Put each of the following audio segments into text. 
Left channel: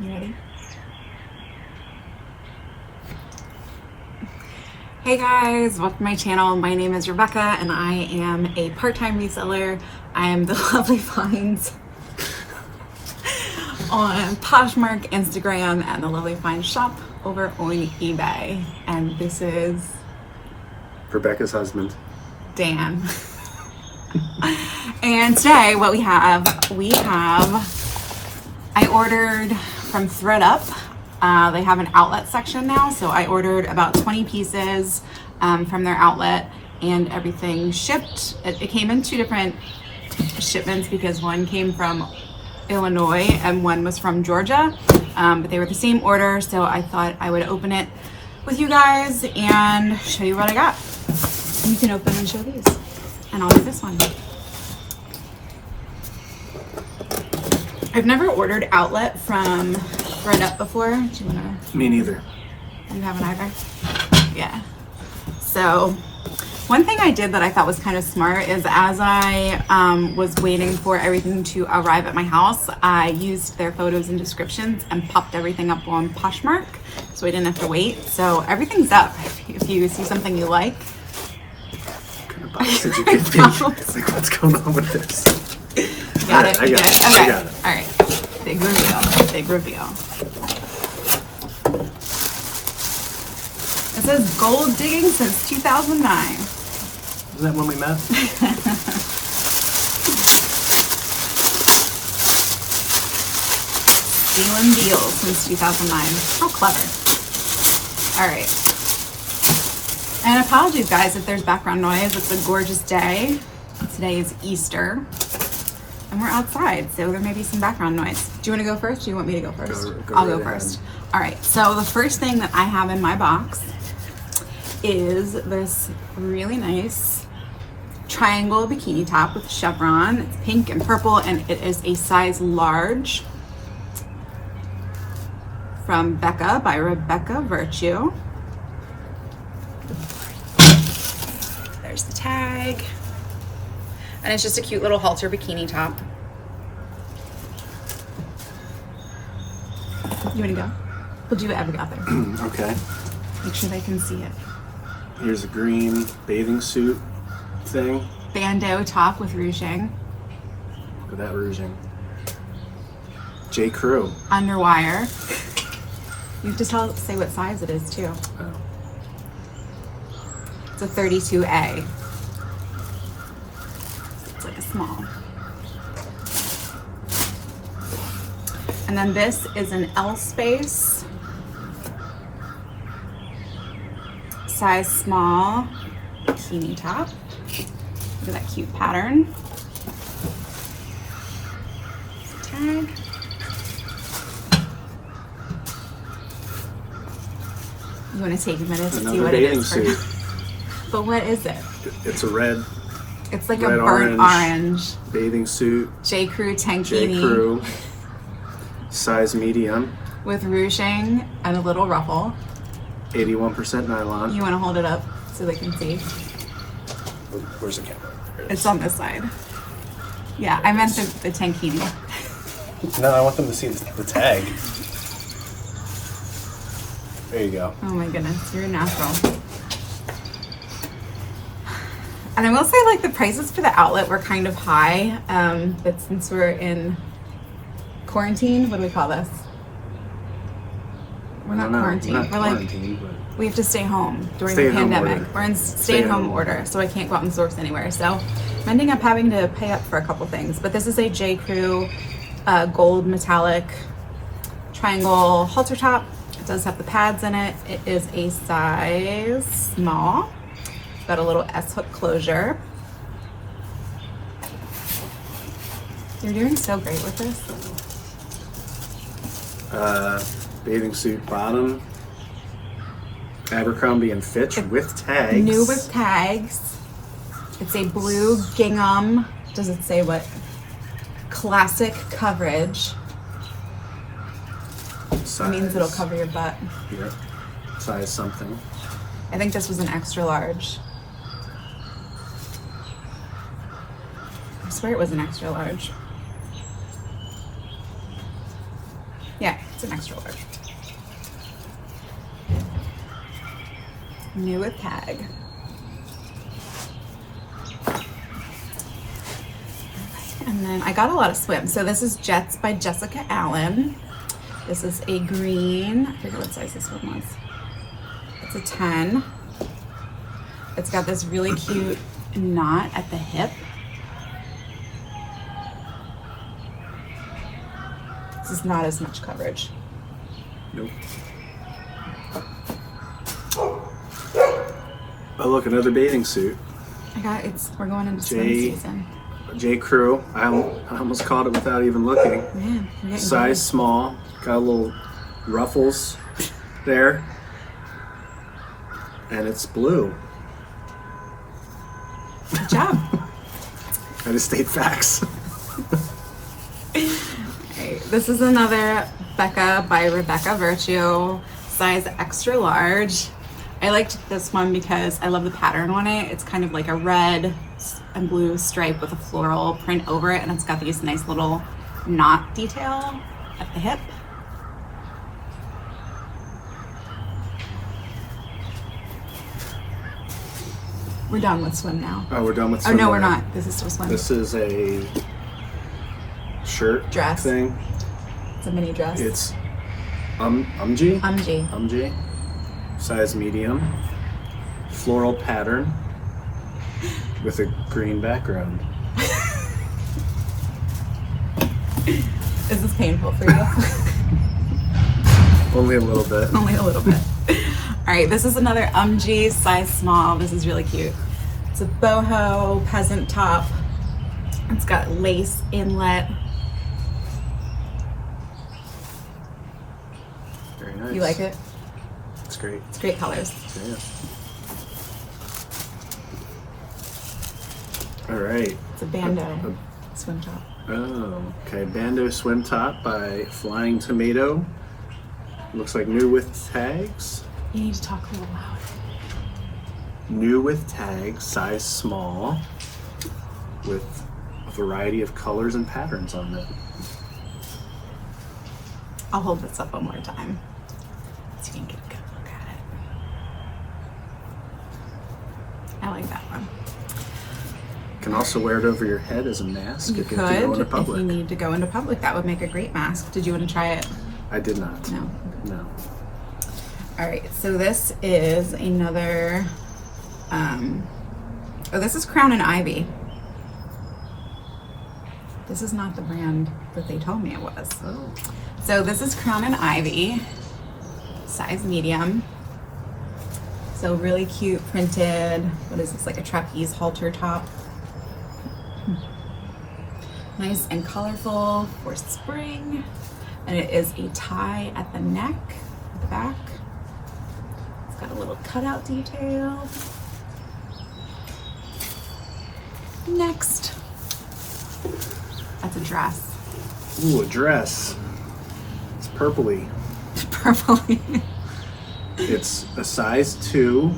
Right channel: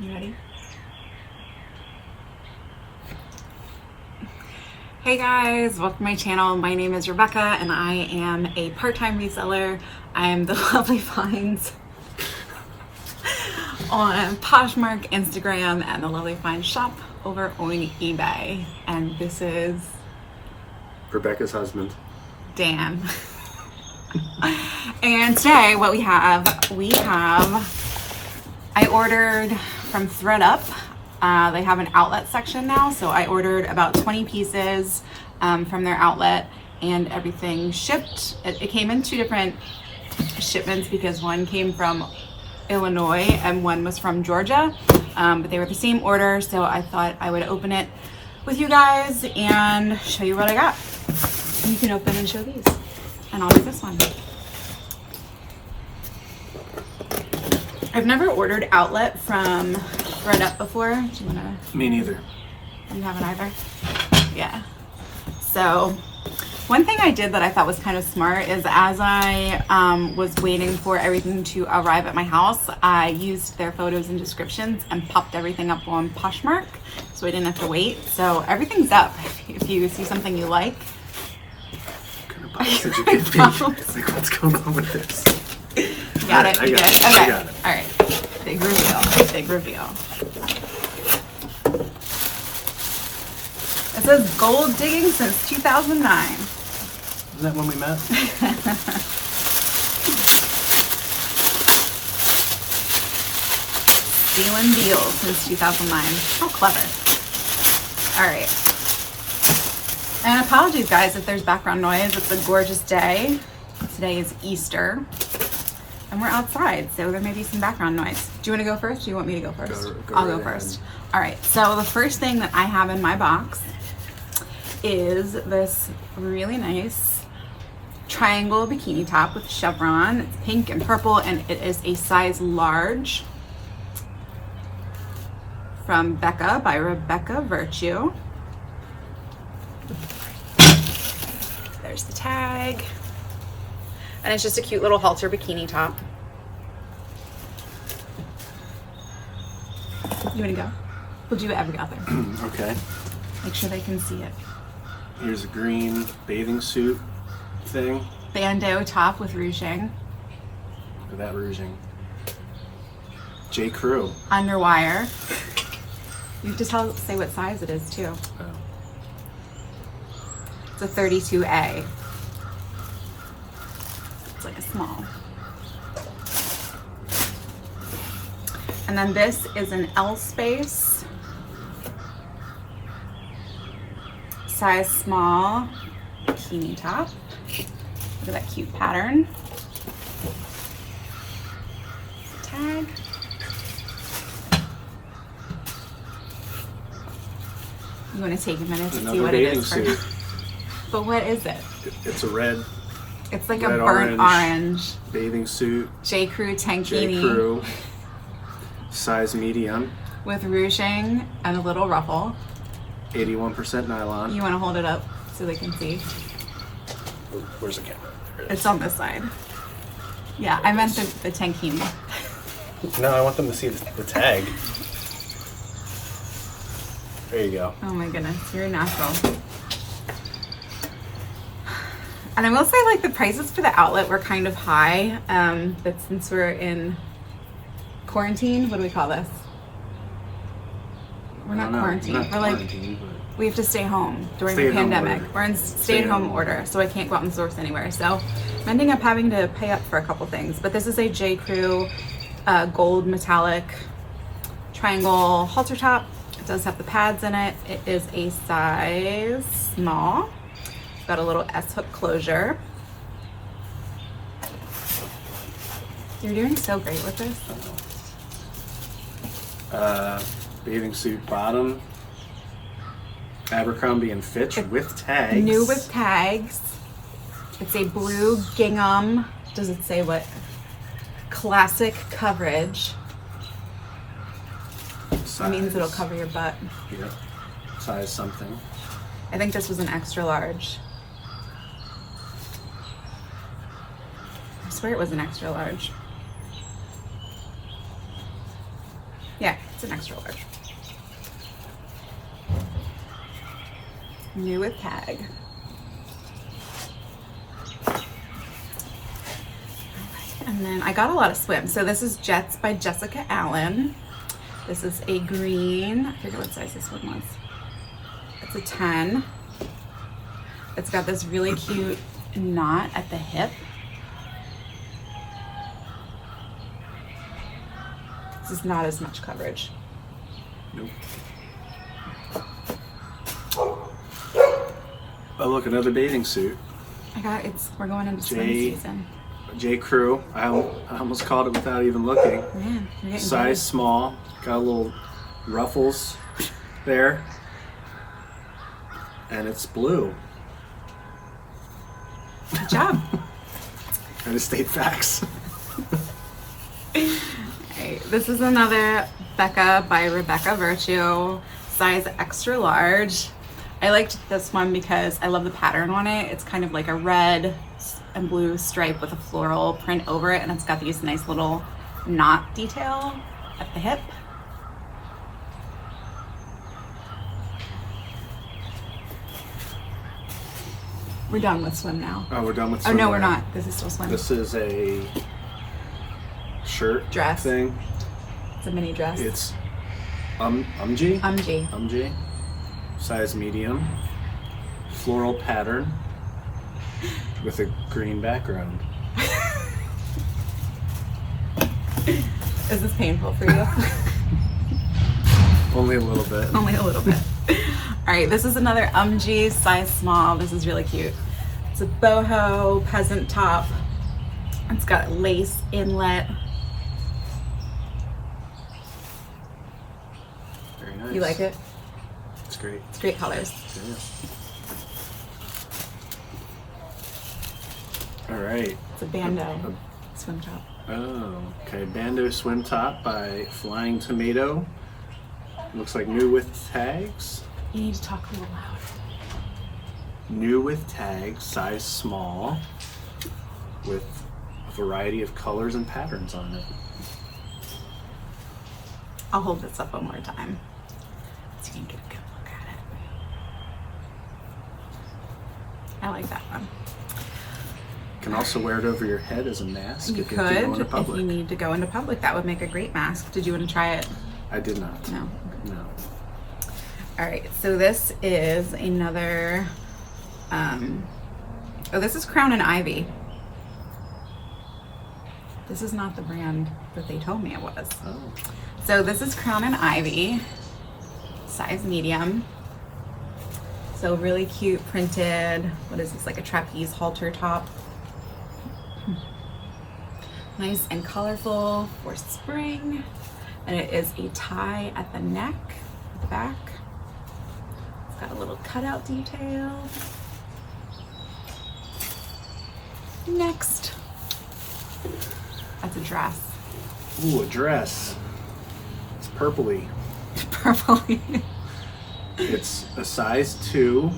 You ready? Hey guys, welcome to my channel. My name is Rebecca and I am a part-time reseller. I am the Lovely Finds on Poshmark, Instagram, and the Lovely Finds shop over on eBay. And this is Rebecca's husband, Dan. And today what we have, I ordered from ThredUp. They have an outlet section now, so I ordered about 20 pieces from their outlet and everything shipped. It came in two different shipments because one came from Illinois and one was from Georgia, but they were the same order, so I thought I would open it with you guys and show you what I got. You can open and show these, and I'll do this one. I've never ordered outlet from ThredUp before. Do you wanna? Me neither. You haven't either? Yeah. So one thing I did that I thought was kind of smart is as I was waiting for everything to arrive at my house, I used their photos and descriptions and popped everything up on Poshmark so I didn't have to wait. So everything's up if you see something you like. What kind of box did you get me? Like, what's going on with this? Got it? I got it. Okay. I got it. All right. Big reveal. Big reveal. It says gold digging since 2009. Isn't that when we met? Stealing deals since 2009. How clever. All right. And apologies, guys, if there's background noise. It's a gorgeous day. Today is Easter. And we're outside, so there may be some background noise. Do you want to go first or do you want me to go first? I'll go first. All right, so the first thing that I have in my box is this really nice triangle bikini top with chevron. It's pink and purple, and it is a size large from Becca by Rebecca Virtue. There's the tag. And it's just a cute little halter bikini top. You wanna go? We'll do whatever got there. Okay. Make sure they can see it. Here's a green bathing suit thing. Bandeau top with ruching. Look at that ruching. J. Crew. Underwire. You have to say what size it is too. Oh. It's a 32A. It's like a small. And then this is an L space, size small, bikini top. Look at that cute pattern. Tag. You want to take a minute to see what it is? Suit. But what is it? It's a red. It's like red, a burnt orange. Bathing suit. J. Crew tankini. J. Crew. Size medium. With ruching and a little ruffle. 81% nylon. You want to hold it up so they can see? Where's the camera? It's on this side. Yeah, I meant the tankini. No, I want them to see the tag. There you go. Oh my goodness, you're natural. And I will say, like, the prices for the outlet were kind of high, but since we're in quarantine, what do we call this? We're not quarantined. We're like, we have to stay home during the pandemic. We're in stay-at-home order, so I can't go out and source anywhere. So I'm ending up having to pay up for a couple things. But this is a J. Crew gold metallic triangle halter top. It does have the pads in it. It is a size small. Got a little S-hook closure. You're doing so great with this. Bathing suit bottom. Abercrombie and Fitch with tags. New with tags. It's a blue gingham. Does it say what? Classic coverage. That means it'll cover your butt. Here. Size something. I think this was an extra large. I swear it was an extra large. Yeah, it's an extra large. New with tag. And then I got a lot of swim. So this is Jets by Jessica Allen. This is a green. I forget what size this one was. It's a 10. It's got this really cute knot at the hip. This is not as much coverage. Nope. Oh, look, another bathing suit. We're going into swim season. J. Crew. I almost caught it without even looking. Man, you're getting Size small. Got a little ruffles there. And it's blue. Good job. I just state facts. Alright, this is another Becca by Rebecca Virtue, size extra large. I liked this one because I love the pattern on it. It's kind of like a red and blue stripe with a floral print over it, and it's got these nice little knot detail at the hip. We're done with swim now. Oh, we're done with Oh swim. no, we're already. not. This is still swim. This is a shirt Dress. thing. It's a mini dress. It's umji. Umji. Size medium. Floral pattern with a green background. Is this painful for you? Only a little bit. Only a little bit. All right, this is another umji, size small. This is really cute. It's a boho peasant top. It's got lace inlet. Very nice. You like it? It's great. It's great colors. Yeah. All right. It's a bandeau swim top. Oh, okay. Bandeau swim top by Flying Tomato. Looks like new with tags. You need to talk a little loud. New with tags, size small, with a variety of colors and patterns on it. I'll hold this up one more time so you can get a good look at it. I like that one. You can also wear it over your head as a mask You if you have to go into could, if public. you need to go into public. That would make a great mask. Did you want to try it? I did not. No. No. All right, so this is another, this is Crown and Ivy. This is not the brand that they told me it was. Oh. So this is Crown and Ivy, size medium. So really cute printed, what is this, like a trapeze halter top. Nice and colorful for spring. And it is a tie at the neck, at the back. It's got a little cutout detail. Next. That's a dress. Ooh, a dress. It's purpley. Purpley. It's a size 2.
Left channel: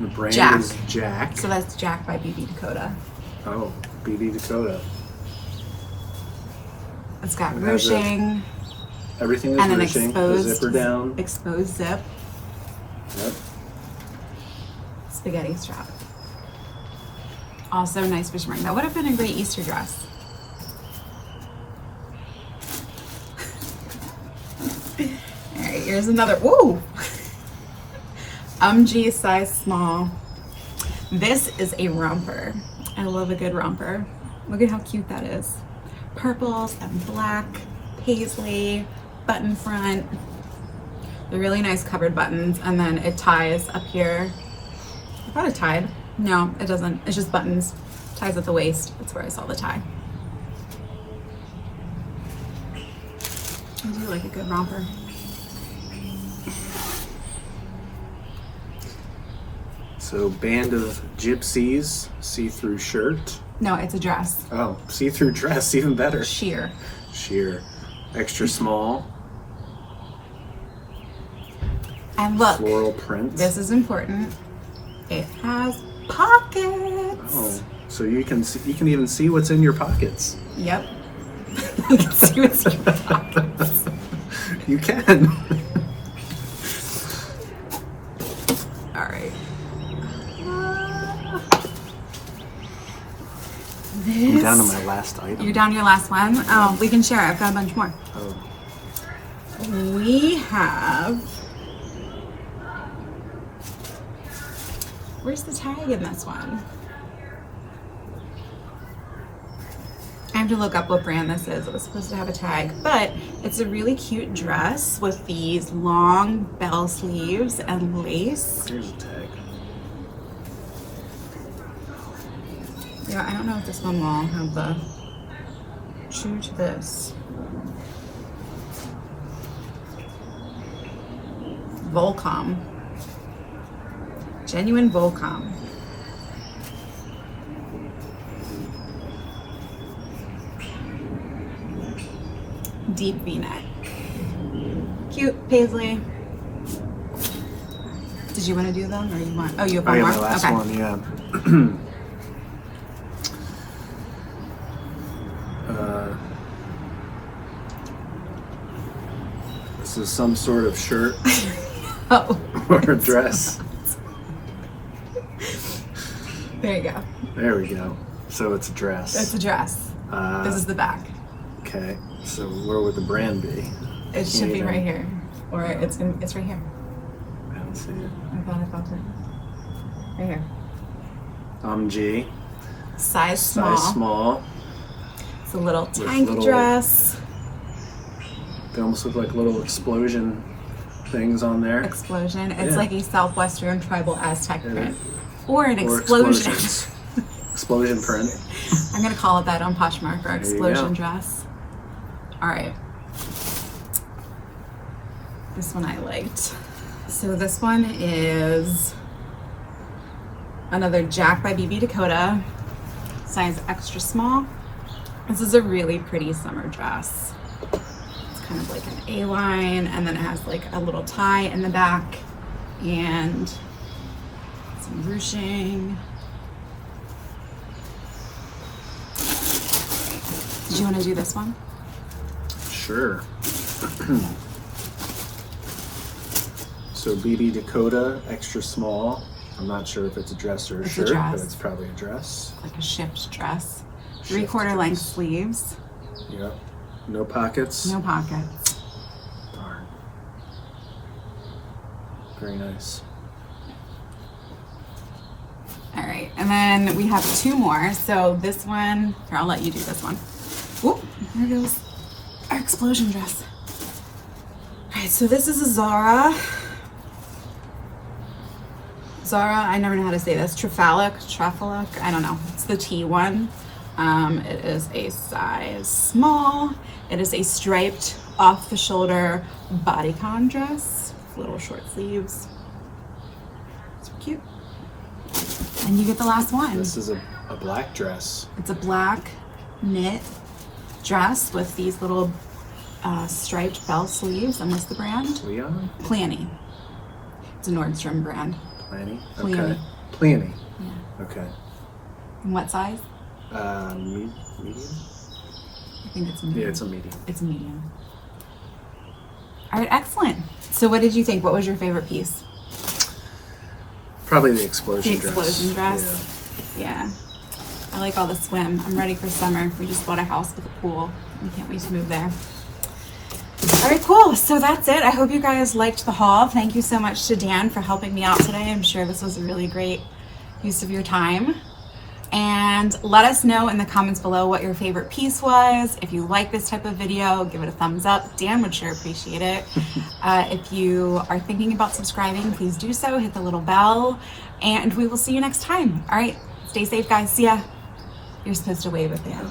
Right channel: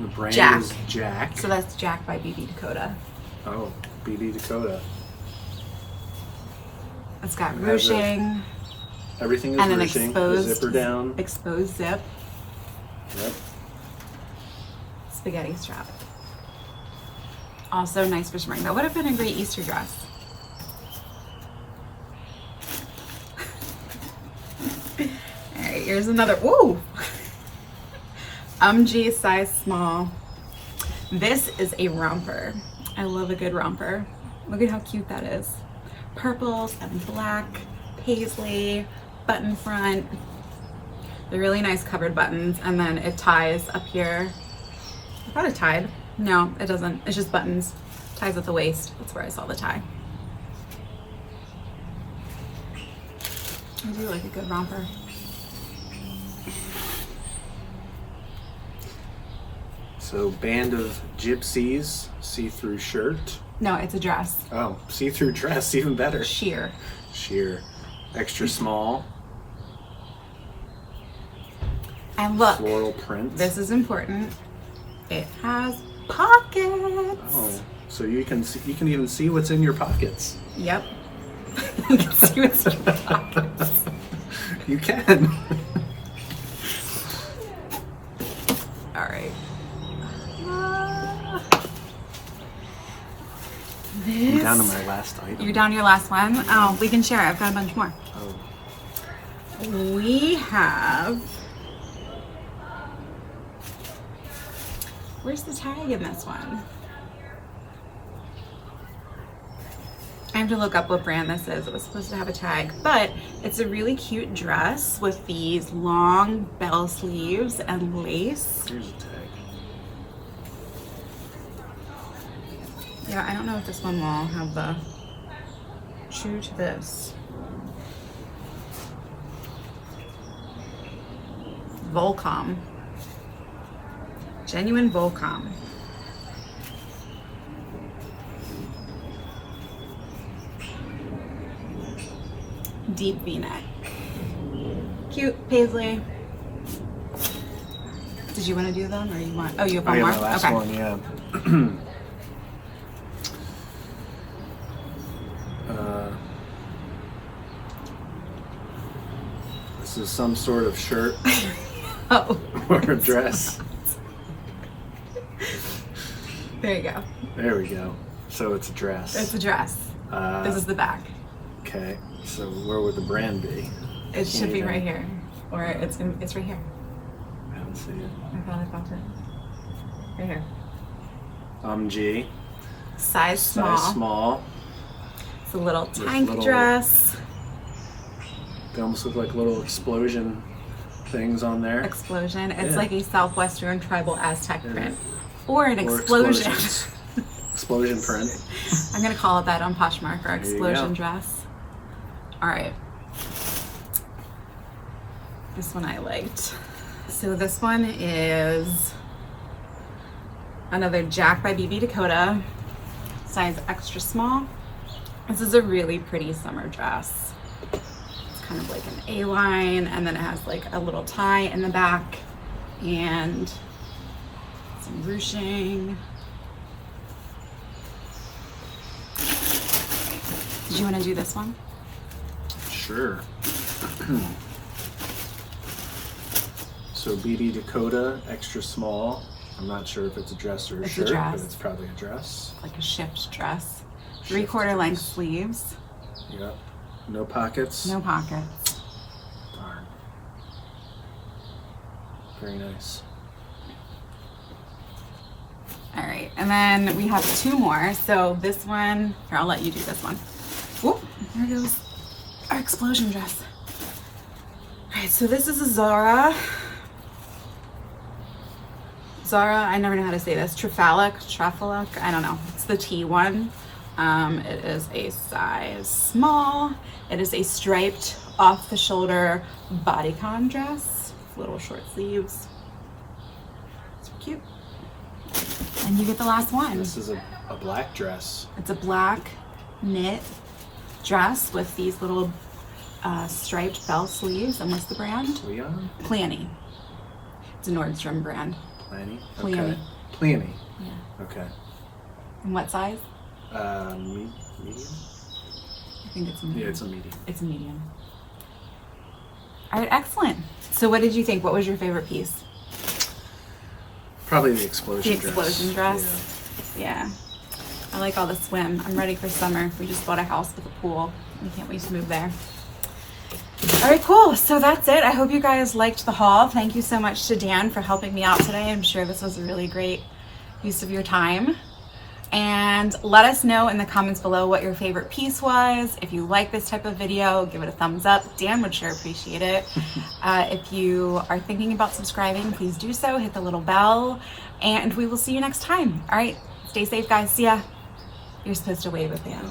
The brand Jack. is Jack. So that's Jack by BB Dakota. Oh, BD Dakota. It's got It has a ruching Everything is and an ruching. The exposed zipper down. exposed zip, Yep. spaghetti strap. Also nice for spring. That would have been a great Easter dress. All right, here's another. Ooh. Umji size small. This is a romper. I love a good romper. Look at how cute that is. Purples and black, paisley, button front. They're really nice covered buttons, and then it ties up here. I thought it tied. No, it doesn't. It's just buttons. Ties at the waist. That's where I saw the tie. I do like a good romper. So, Band of Gypsies, see-through shirt. No, it's a dress. Oh, see-through dress, even better. Sheer. Sheer. Extra small. And look, Floral print. this is important. It has pockets. Oh, so you can even see what's in your pockets. Yep. You can see what's in your pockets. You can. All right. I'm down to my last item. You're down to your last one? Oh, we can share. I've got a bunch more. Oh, We have. Where's the tag in this one? I have to look up what brand this is. It was supposed to have a tag, but it's a really cute dress with these long bell sleeves and lace. here's a tag. Yeah, I don't know if this one will have the true to this. Volcom. Genuine Volcom. Deep V-neck. Cute, Paisley. Did you want to do them or you want? Oh, you have Oh, one yeah, more? my last Okay. one, yeah. This is some sort of shirt Oh, or a dress. there you go. There we go. So it's a dress. It's a dress. This is the back. Okay, so where would the brand be? It should be even- right here, or it's right here. I don't see it. I felt it. Right here. G. Size small. Size small. It's a little tank little- dress. They almost look like little explosion things on there. Explosion. It's Yeah. like a southwestern tribal Aztec Yeah. print, or an Or explosion. explosions. Explosion print. I'm gonna call it that on Poshmark, our There you explosion go. dress. All right. This one I liked. So this one is another Jack by BB Dakota, size extra small. This is a really pretty summer dress. It's kind of like an A-line, and then it has like a little tie in the back and some ruching. Did you want to do this one? Sure. So BB Dakota, extra small. I'm not sure if it's a dress or a It's a shirt, dress. but it's probably a dress. Like a shift dress. Shift 3/4 length dress. sleeves. Yeah. No pockets. No pockets. Darn. Very nice. All right, and then we have two more. So this one, here, I'll let you do this one. Oh, there goes our explosion dress. All right, so this is a Zara. I never know how to say this. Trafalic, I don't know. It's the T one. It is a size small. It is a striped off the shoulder bodycon dress. Little short sleeves. It's cute. And you get the last one. This is a black dress. It's a black knit dress with these little striped bell sleeves. And what's the brand? Leon? Planny. It's a Nordstrom brand. Planny? Planny. Okay. Planny. Yeah. Okay. And what size? Medium? I think it's medium. Yeah, it's a medium. It's a medium. All right, excellent. So what did you think? What was your favorite piece? Probably the explosion The dress. explosion dress? Yeah. I like all the swim. I'm ready for summer. We just bought a house with a pool. I can't wait to move there. All right, cool. So that's it. I hope you guys liked the haul. Thank you so much to Dan for helping me out today. I'm sure this was a really great use of your time. And let us know in the comments below what your favorite piece was. If you like this type of video, give it a thumbs up. Dan would sure appreciate it. If you are thinking about subscribing, please do so. Hit the little bell, and we will see you next time. All right, stay safe, guys. See ya. You're supposed to wave at the end.